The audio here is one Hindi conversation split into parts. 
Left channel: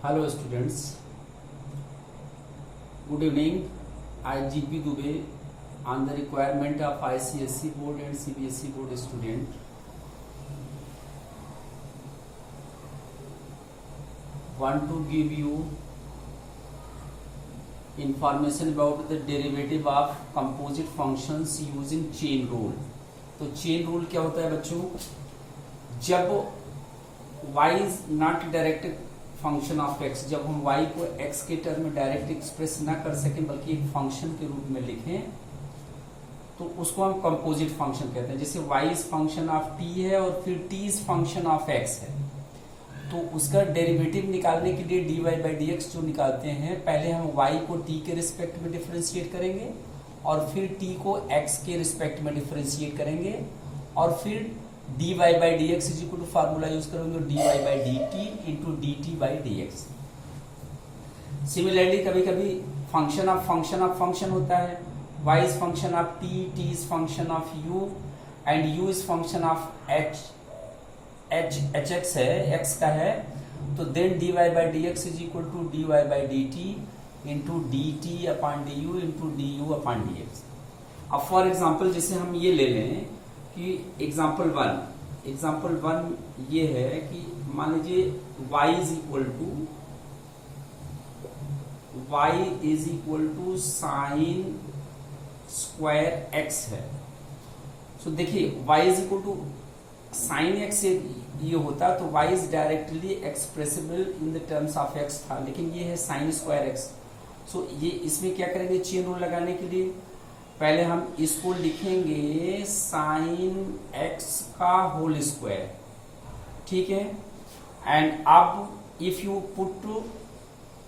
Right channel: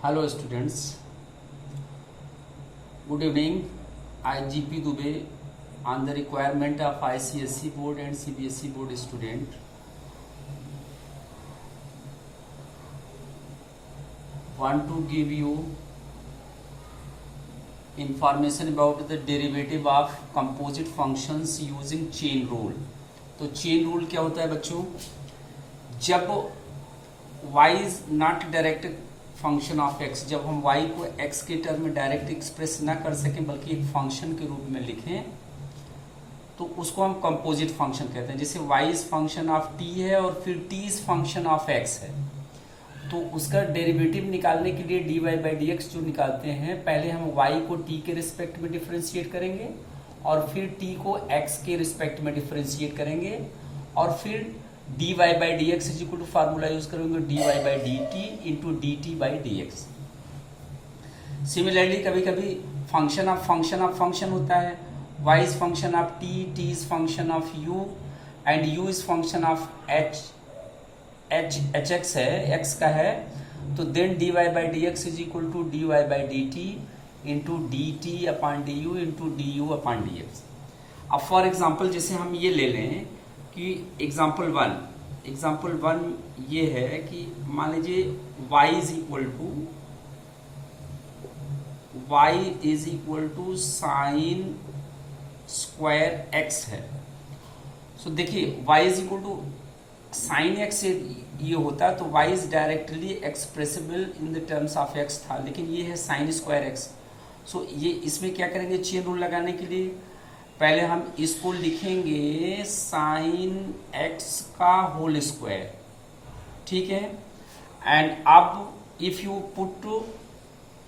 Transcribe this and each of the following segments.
Hello students, good evening. I GP Dubey on the requirement of ICSE board and CBSE board student. Want to give you information about the derivative of composite functions using chain rule. तो chain rule क्या होता है बच्चों? जब y is not direct function of x, जब हम y को x के टर्म में डायरेक्ट एक्सप्रेस ना कर सकें बल्कि एक फंक्शन के रूप में लिखें तो उसको हम कंपोजिट फंक्शन कहते हैं. जैसे y is function of t है और फिर t is function of x है, तो उसका डेरिवेटिव निकालने के लिए dy बाई डी एक्स जो निकालते हैं, पहले हम y को t के रिस्पेक्ट में डिफरेंशिएट करेंगे और फिर t को x के रिस्पेक्ट में डिफरेंशिएट करेंगे और फिर dy by D X is equal to formula use करेंगे dy by D T into D T by D X. Similarly कभी कभी फंक्शन ऑफ फंक्शन होता है. y is function of t, t is function of u and u is function of h x है, x का है. तो then dy by D X is equal to dy by D T into D T upon D you into D you upon D x. अब फॉर एग्जाम्पल जैसे हम ये ले लें कि एग्जाम्पल वन ये है कि मान लीजिए y is equal to sine square x है. सो देखिए y is equal to sine x ये होता तो y is directly expressible in the terms of x था, लेकिन ये है साइन स्क्वायर x. सो ये इसमें क्या करेंगे, चेन रूल लगाने के लिए पहले हम इसको लिखेंगे साइन x का होल स्क्वायर, ठीक है. एंड अब if you put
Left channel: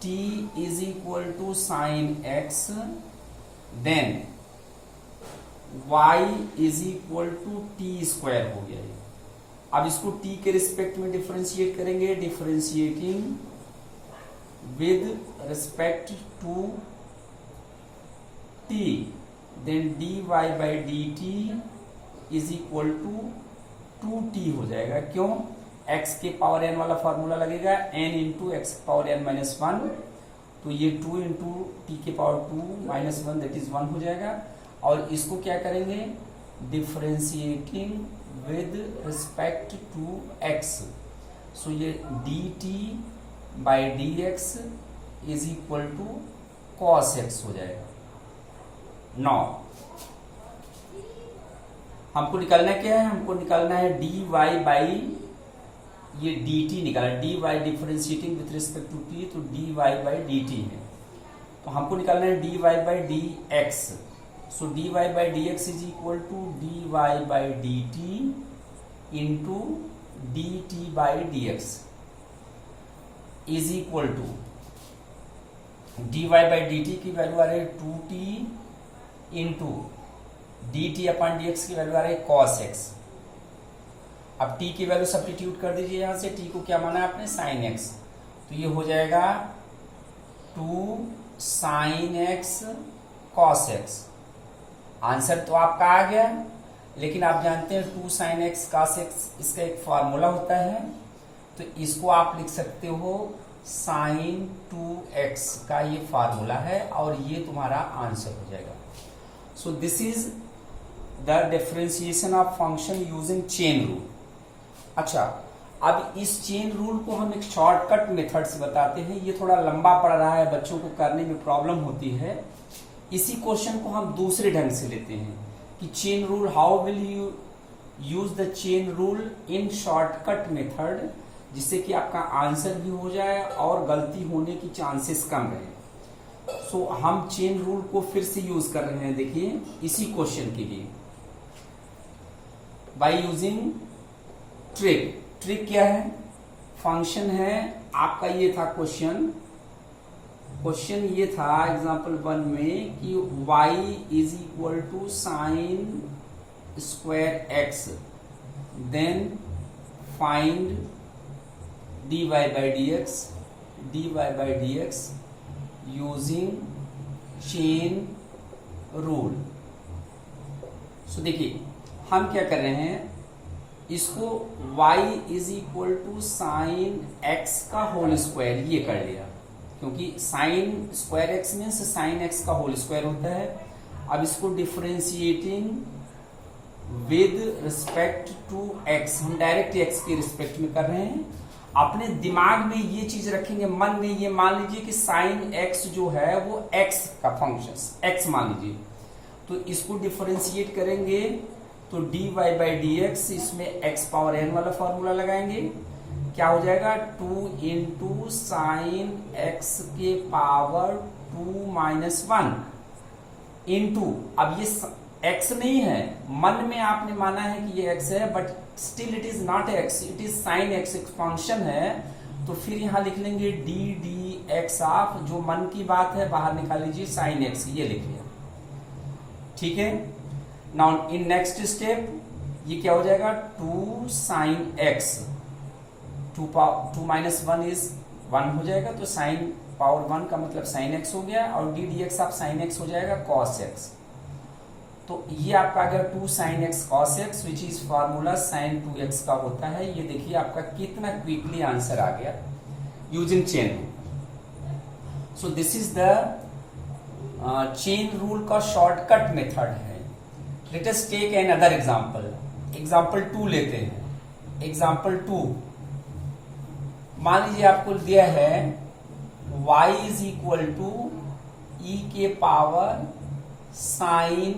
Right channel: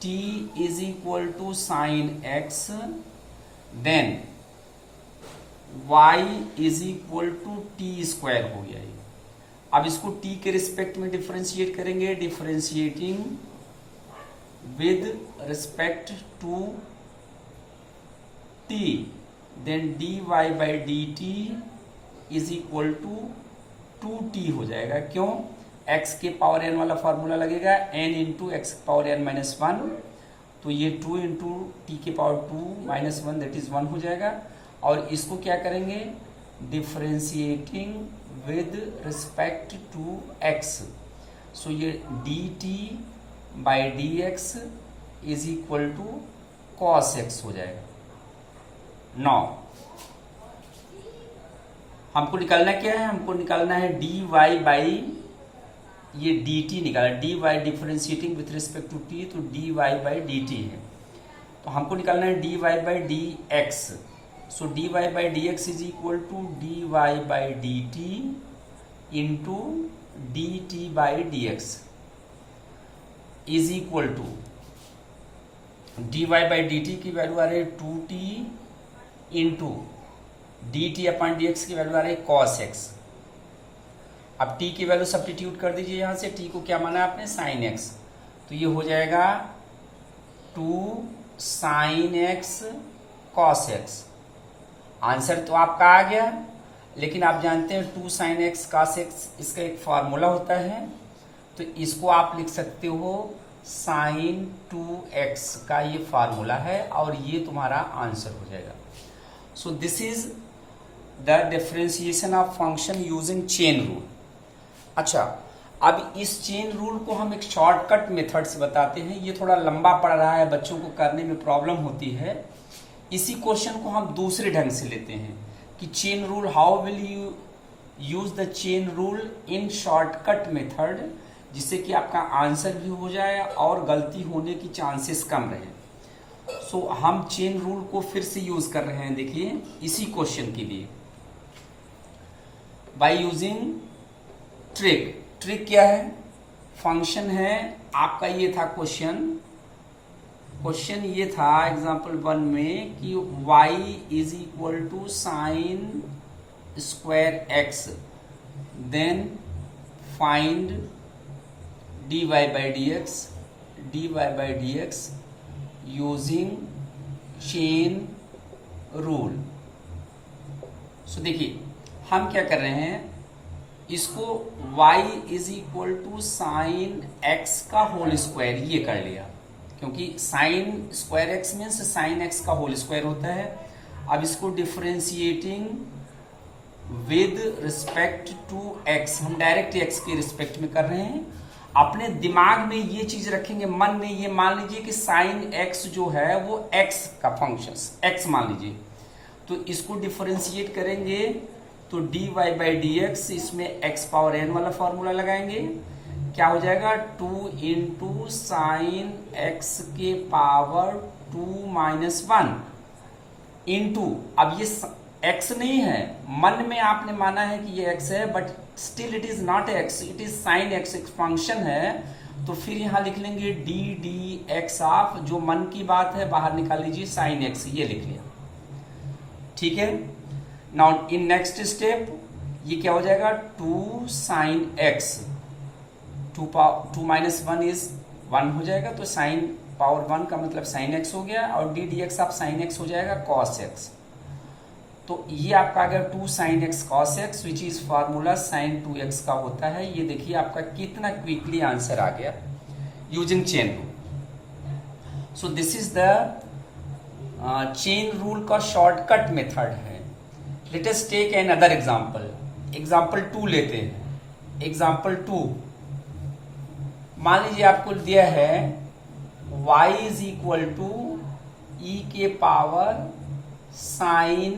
t is equal to sine x then y is equal to T square हो गया. अब इसको t के रिस्पेक्ट में डिफरेंशिएट करेंगे, differentiating with respect to t, then dy by D T is equal to 2t हो जाएगा. क्यों? x के पावर n वाला फॉर्मूला लगेगा, n into X power n minus one, तो ये 2 इंटू टी के power 2 minus one that is 1 हो जाएगा. और इसको क्या करेंगे, differentiating with respect to x. So ये dt by D X is equal to cos x हो जाएगा. नाउ हमको निकालना क्या है, हमको निकालना है dy बाई ये dt निकालना, dy differentiating with respect to t, तो dy बाई dt है. तो हमको निकालना है dy by D X. So dy by D X is equal to dy by D T into D T by D X is equal to dy by D T की वैल्यू आ रही है 2t into D T upon D X की वैल्यू आ रही है कॉस x. अब t की वैल्यू सब्स्टिट्यूट कर दीजिए, यहां से t को क्या माना आपने, साइन x, तो ये हो जाएगा 2 sine x cos x. Answer तो आपका आ गया, लेकिन आप जानते हैं 2 साइन x कॉस x इसका एक फॉर्मूला होता है, तो इसको आप लिख सकते हो साइन 2x का ये फॉर्मूला है और ये तुम्हारा आंसर हो जाएगा. सो this is the differentiation of function using chain rule. अच्छा, अब इस चेन रूल को हम एक शॉर्टकट मेथड से बताते हैं. ये थोड़ा लंबा पड़ रहा है, बच्चों को करने में प्रॉब्लम होती है. इसी क्वेश्चन को हम दूसरे ढंग से लेते हैं कि chain rule, how will you use the chain rule in shortcut method, जिससे कि आपका आंसर भी हो जाए और गलती होने की चांसेस कम रहे. सो हम चेन रूल को फिर से यूज कर रहे हैं, देखिए इसी क्वेश्चन के लिए बाय यूजिंग ट्रिक क्या है, फंक्शन है आपका. ये था क्वेश्चन ये था एग्जांपल 1 में कि y is equal to sine square x, then find dy by D X using chain rule. So देखिए हम क्या कर रहे हैं, इसको y is equal to sine X का होल स्क्वायर ये कर लिया, क्योंकि sine square X means sine X का होल स्क्वायर होता है। अब इसको differentiating with respect to X, हम डायरेक्ट एक्स के रिस्पेक्ट में कर रहे हैं। अपने दिमाग में ये चीज रखेंगे, मन में ये मान लीजिए कि साइन एक्स जो है वो एक्स का फंक्शन एक्स मान लीजिए, तो इसको डिफरेंशिएट करेंगे तो dy बाई डी एक्स, इसमें x पावर n वाला फॉर्मूला लगाएंगे, क्या हो जाएगा 2 इंटू साइन एक्स के पावर 2 माइनस 1 इंटू, अब ये x नहीं है, मन में आपने माना है कि ये x है, but still it is not x, it is sine x, एक फंक्शन है, तो फिर यहां लिख लेंगे डी एक्स ऑफ, जो मन की बात है बाहर निकाल लीजिए, साइन x ये लिख लिया, ठीक है। नाउ इन नेक्स्ट स्टेप ये क्या हो जाएगा 2 साइन एक्स, 2 माइनस 1 इज 1 हो जाएगा, तो साइन पावर 1 का मतलब साइन एक्स हो गया, और D X of sine x हो जाएगा कॉस एक्स। तो ये आपका अगर 2 sine x cos x which is formula sine 2x का होता है, ये देखिए आपका कितना क्विकली आंसर आ गया using chain rule. So this is the chain rule का शॉर्टकट मेथड है। Let us take another example, example 2 लेते हैं। एग्जांपल 2 मान लीजिए आपको दिया है y is equal to e के power sine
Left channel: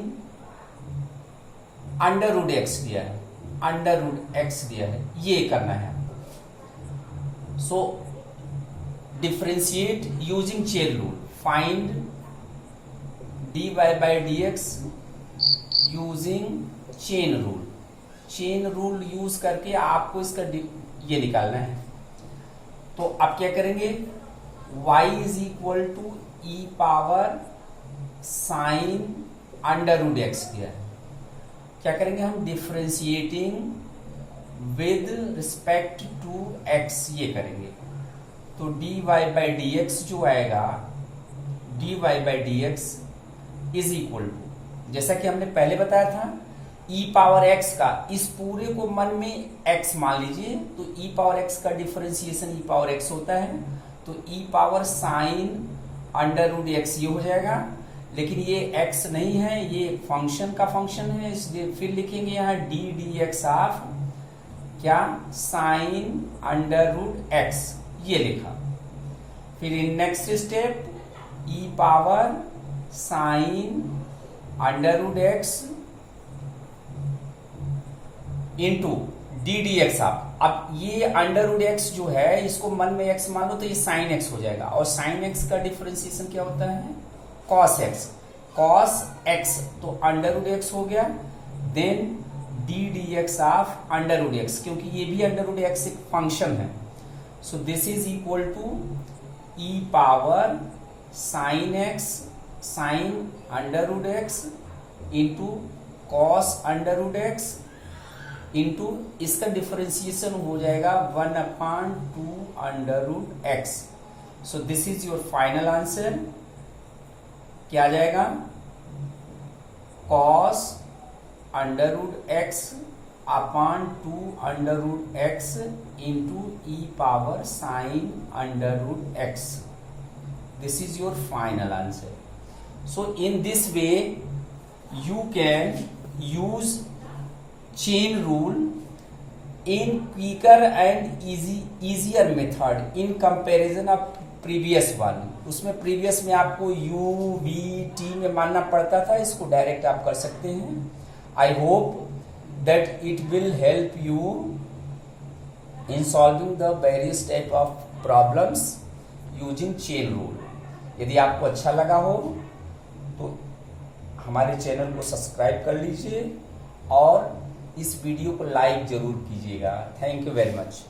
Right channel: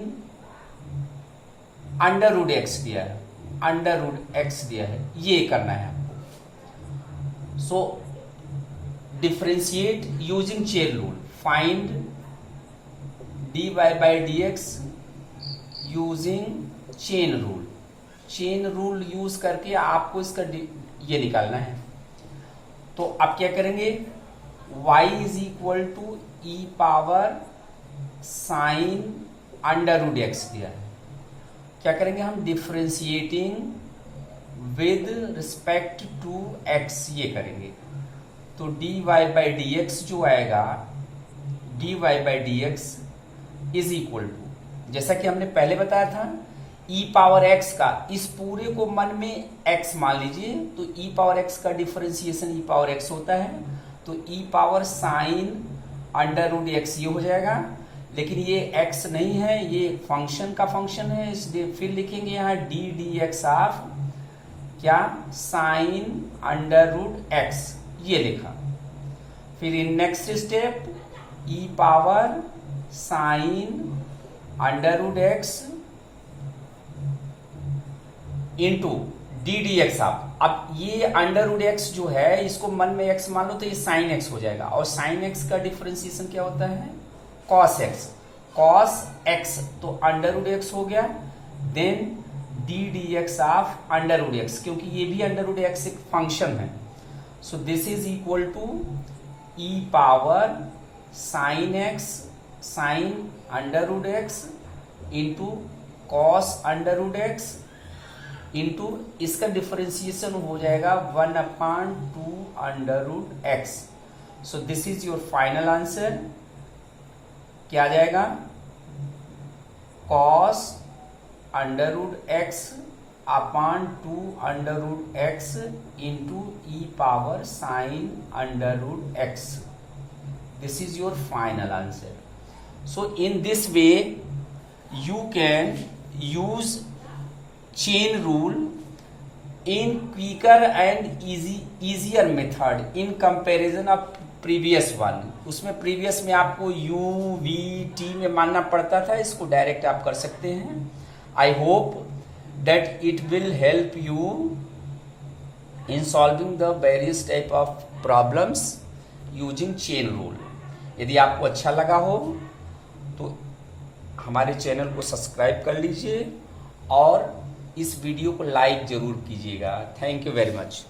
under root X दिया है, अंडर रूट एक्स दिया है, ये करना है। सो differentiate using chain rule, find dy by D X using chain rule. Chain rule use करके आपको इसका ये निकालना है। तो आप क्या करेंगे, y is equal to E power sine under root X दिया है, क्या करेंगे हम differentiating with respect to x ये करेंगे, तो dy बाई डी एक्स जो आएगा, dy by D X is equal to, जैसा कि हमने पहले बताया था, e पावर x का, इस पूरे को मन में x मान लीजिए, तो e पावर x का डिफरेंशिएशन e पावर x होता है, तो e power sine under root x ये हो जाएगा, लेकिन ये x नहीं है, ये फंक्शन का फंक्शन है, इसलिए फिर लिखेंगे यहाँ डी एक्स ऑफ क्या साइन अंडर रूट x ये लिखा। फिर in next step e power sine under root x into D X of, अब ये अंडर रूट एक्स जो है इसको मन में x मान लो, तो ये साइन x हो जाएगा, और साइन x का डिफरेंशिएशन क्या होता है कॉस x, कॉस x, तो अंडर रूट एक्स हो गया, then D X of under root X, क्योंकि ये भी अंडर रूट एक्स एक फंक्शन है, so this is equal to E power sine X, sine under root X into cos under root X into इसका डिफरेंशिएशन हो जाएगा 1/2 under root X. So this is your final answer, क्या आ जाएगा cos under root x upon 2 under root X into E power sine under root X. This is your final answer. So in this way you can use chain rule in quicker and easier method in comparison of previous one। उसमें previous में आपको u v t में मानना पड़ता था, इसको डायरेक्ट आप कर सकते हैं। I hope that it will help you in solving the various type of problems using chain rule। यदि आपको अच्छा लगा हो तो हमारे चैनल को सब्सक्राइब कर लीजिए और इस वीडियो को लाइक जरूर कीजिएगा। Thank you very much.